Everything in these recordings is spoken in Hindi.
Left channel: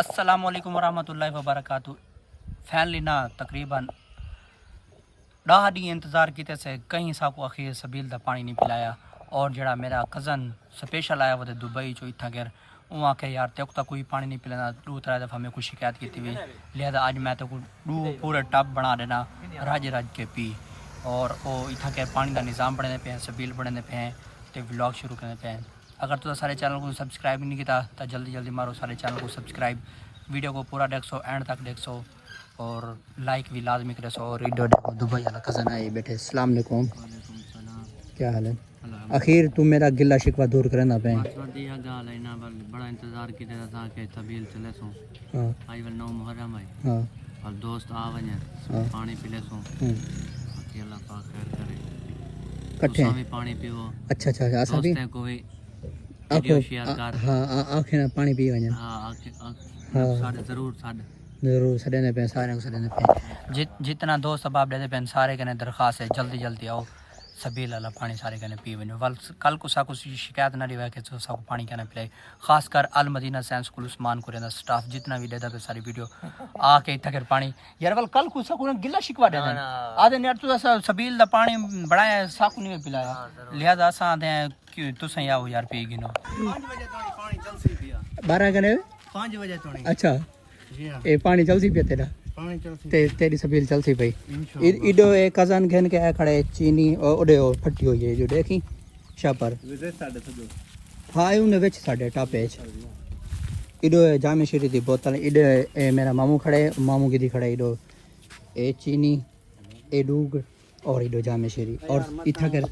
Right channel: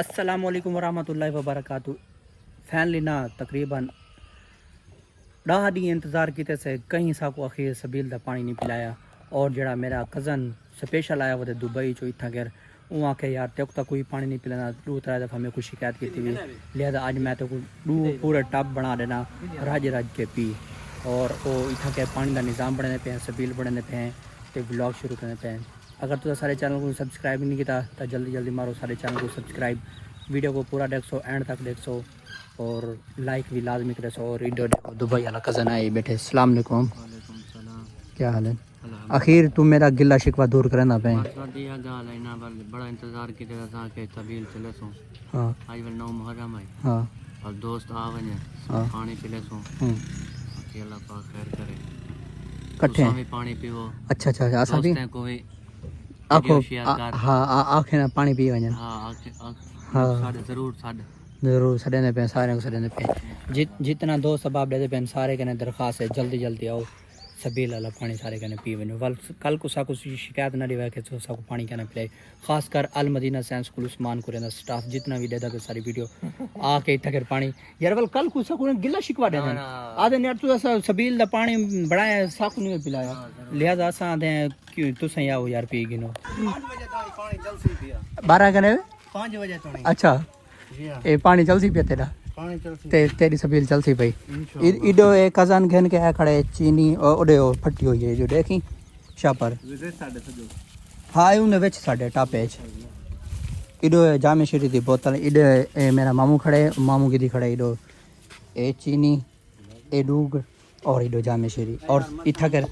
अस्सलाम वालेकुम वरहमतुल्लाहि वबरकातुहू। फैनली ना तकरीबन 10 डी इंतज़ार किते से कहीं साको आखिर सबील दा पानी नहीं पिलाया। और जड़ा मेरा कज़न स्पेशल आया वो दुबई चो इतना घर वो आके यार तक तक कोई पानी नहीं पिलाना। 2-3 दफ़ा मैं कुछ शिकायत की थी, लिहाजा आज मैं तो पूरा टब बना देना राज के पी। और वो इतना के पानी का निज़ाम बढ़ने पे हैं, सबील बढ़ने पे हैं, तो व्लॉग शुरू करने पे हैं। अगर तो सारे चैनल को सब्सक्राइब नहीं किया तो जल्दी जल्दी मारो सारे चैनल को सब्सक्राइब, वीडियो को पूरा देख सो एंड तक देख सो और लाइक भी लाजमी करे सो। और वीडियो देखो दुबई वाला कज़न आए बैठे। अस्सलाम वालेकुम। क्या हाल है? आखिर तू मेरा गिला शिकवा दूर करना पे बड़ा इंतजार की के तबील चले सो। हां आई वल 9 मुहर्रम है। हां और दोस्त आ वने पानी पिले सो। अल्लाह पाक खैर करे। कट्ठे भी पानी पीवो। अच्छा अच्छा अच्छा भी कोई आखो हां आखे ना पानी पी वने। हां हां साडे जरूर सड़ने पे सारे को सड़ने पे जितना दोस्त अहबाब देते पे सारे कने दरखास्त है जल्दी जल्दी आओ सबील वाला पानी सारे कने पी वनो। कल को साको शिकायत ना दिवा के साको पानी कहना पिलाई। खासकर अल मदीना साइंस स्कूल उस्मान कुरेना स्टाफ जितना भी देता पे सारी वीडियो आके इतना पानी यार कल को साको गिला शिकवा दे देन आदे यार तू सबील दा पानी बनाया साको नहीं पिलाया। लिहाजा असा आदे क्यों तुसे आओ यार पी गिनो 5 बजे तो पानी जल्दी पिया 12 कने 5 बजे तो नहीं। अच्छा ये पानी चलसी पे तेरा पानी चलसी तेरी सबील चलसी भाई। इडो एक कज़न घेन के है खड़े चीनी और ओडे फटी हुई है जो देखी शापर हां उन विच साडे टापे इडो जामे शीरी दी बोतल इडो ए मेरा मामू खड़े मामू की दी खड़े इडो ए चीनी ए डूग और इडो जामे शीरी और इथा कर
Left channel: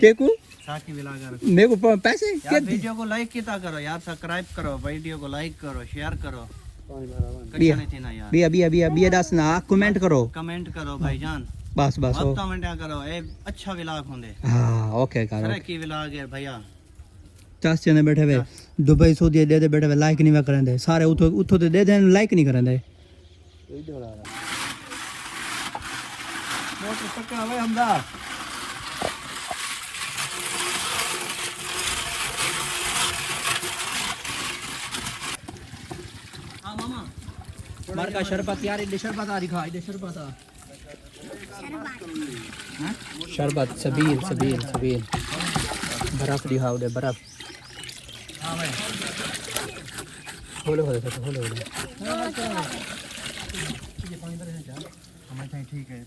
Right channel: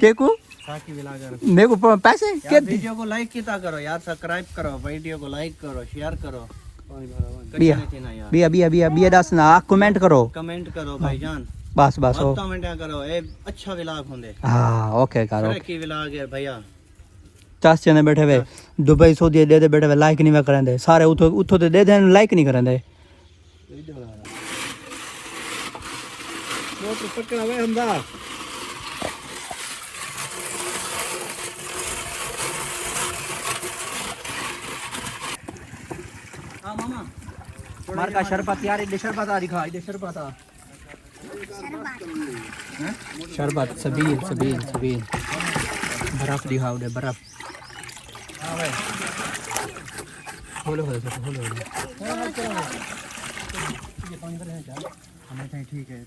देखो साकी विला कर मेरे को पैसे के वीडियो को लाइक कितना करो यार, सब्सक्राइब करो, वीडियो को लाइक करो, शेयर करो। बिया दस ना कमेंट करो भाईजान बस बस कमेंट करो। ए अच्छा व्लॉग होंदे। हां ओके करो की व्लॉग है भैया। 10 जने बैठे हुए दुबई सऊदी दे बैठे हुए लाइक नहीं करंदे सारे उठो ते दे देन लाइक नहीं करंदे। मोटर पक्का है हमदा हां मामा मार का शरबत यार इधर शरबत आ दिखा इधर शरबत आ शरबत सबील बर्फ दिखा उधर बर्फ खोलो ठीक है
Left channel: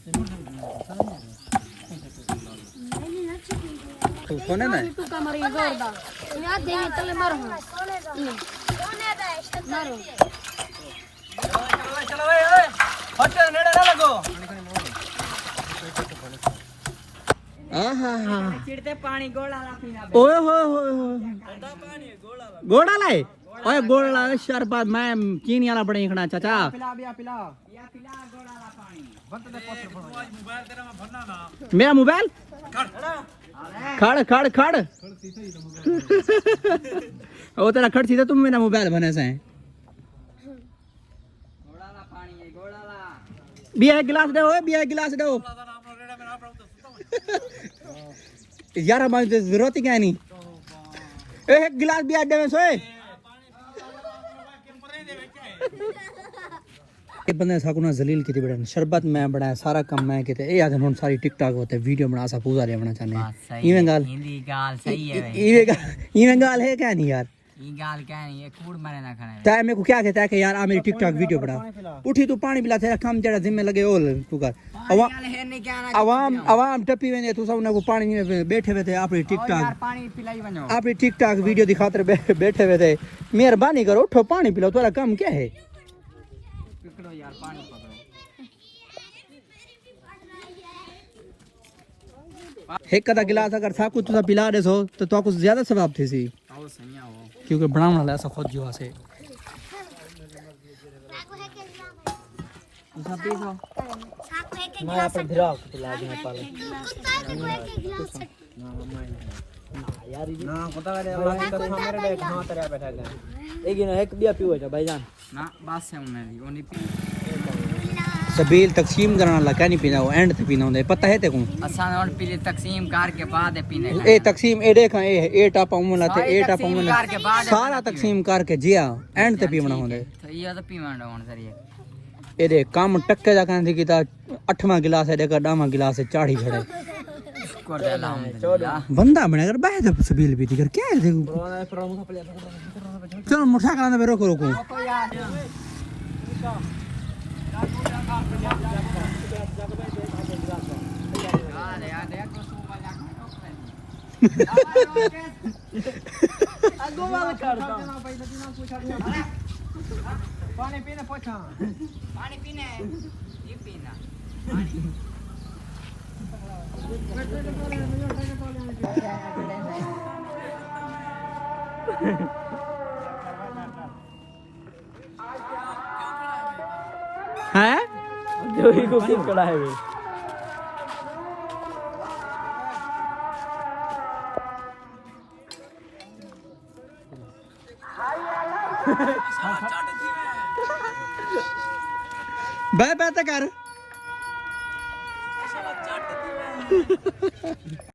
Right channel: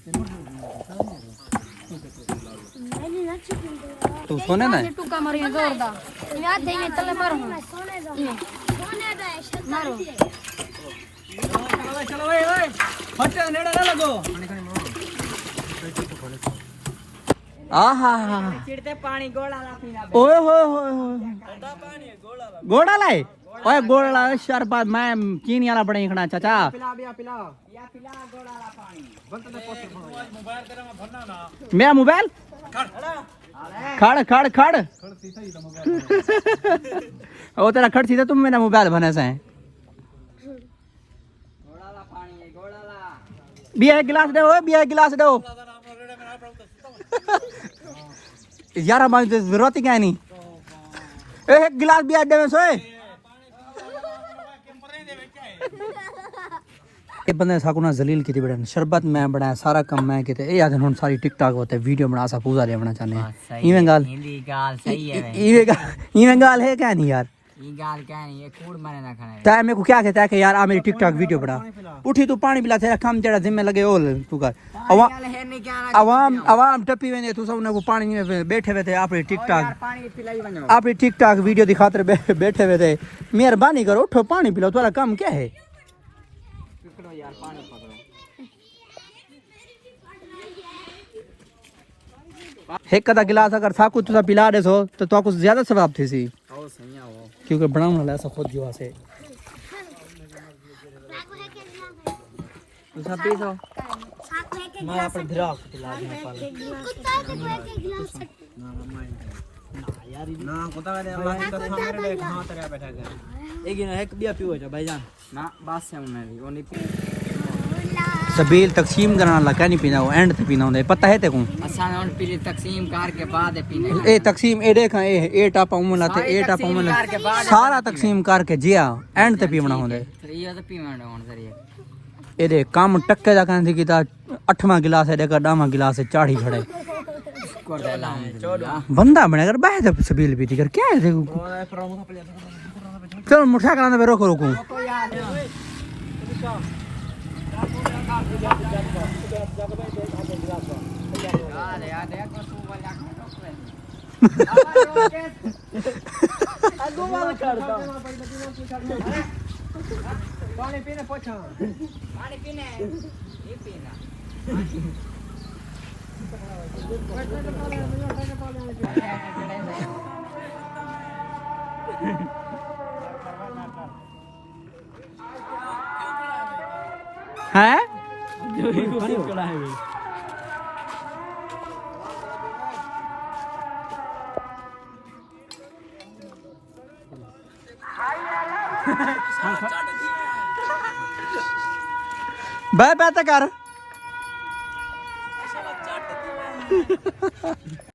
तू सोने ना पानी ओए गोड़ा लाए ओए गोड़ा शरबत मैं चीनी वाला बड़ा खड़ा चाचा मेरा मोबाइल खड़ ओ तेरा खड़ सीधा तुम मेरा मोबाइल बना से बिया गिलास दो यार हमारी जरूरत ही क्या नहीं एक गिलास बिया दे में सोए ये बंदे साको ना जलील की बड़ा शरबत मैं बनाया सारा काम मैं किते ए याद हुन सारी टिकटॉक होते वीडियो बना सा पूजा ले बना चाहने इवें गाल सही है इवें गाल है क्या नहीं यार ये गाल क्या नहीं ये कूड़ मारे ना खाना ता मेरे को क्या कहता है कि यार आ मेरी टिकटॉक वीडियो बना उठी तू पानी पिला तेरा काम तेरा जिम्मे लगे ओल तू कर आवाम टपी वेने तू सब को पानी में बैठे हुए थे अपनी टिकटॉक वीडियो दिखाते बैठे हुए थे। मेहरबानी करो उठो पानी पिलाओ तुम्हारा काम क्या है यार पानी पकड़ो। एक कदा गिलास अगर साकू तुसा पिला दे सो तो तो कुछ ज्यादा सवाब थी सी आओ सही आओ क्योंकि बनाने वाला ऐसा खुद जो से तुसा पी सो मैं अपन धिरा पिला कुत्ता के कोई के गिलास यार ना कुत्ता रे हां तेरा बैठा है एक दिया पियो जा भाईजान ना बात से उन्हें भी वो नहीं पी सबील तकसीम करने वाला क्या नहीं पीना वो एंड पे पीना होता है पता है तेको असा नॉन पीली तकसीम करके बाद पीने ए तकसीम ए देख ए टप उमला ते ए टप उमला सारा तकसीम करके जिया एंड ते पीवना होता है तो ये तो पीवण होन सरी ए दे काम टक्के दा कहंदी की ता 8वां गिलास है देखा 10वां गिलास है चाढ़ी खड़े कर दे अल्हम्दुलिल्लाह बंदा बने कर बाहर ते सबील पीती कर क्या है देखो चल मुठा कराने पे रोको रोको यार देखो तू वाला पानी पीने पूछो पानी पीने ये पीना हैं जो ही को क्यों खड़ा है वे बह बह कर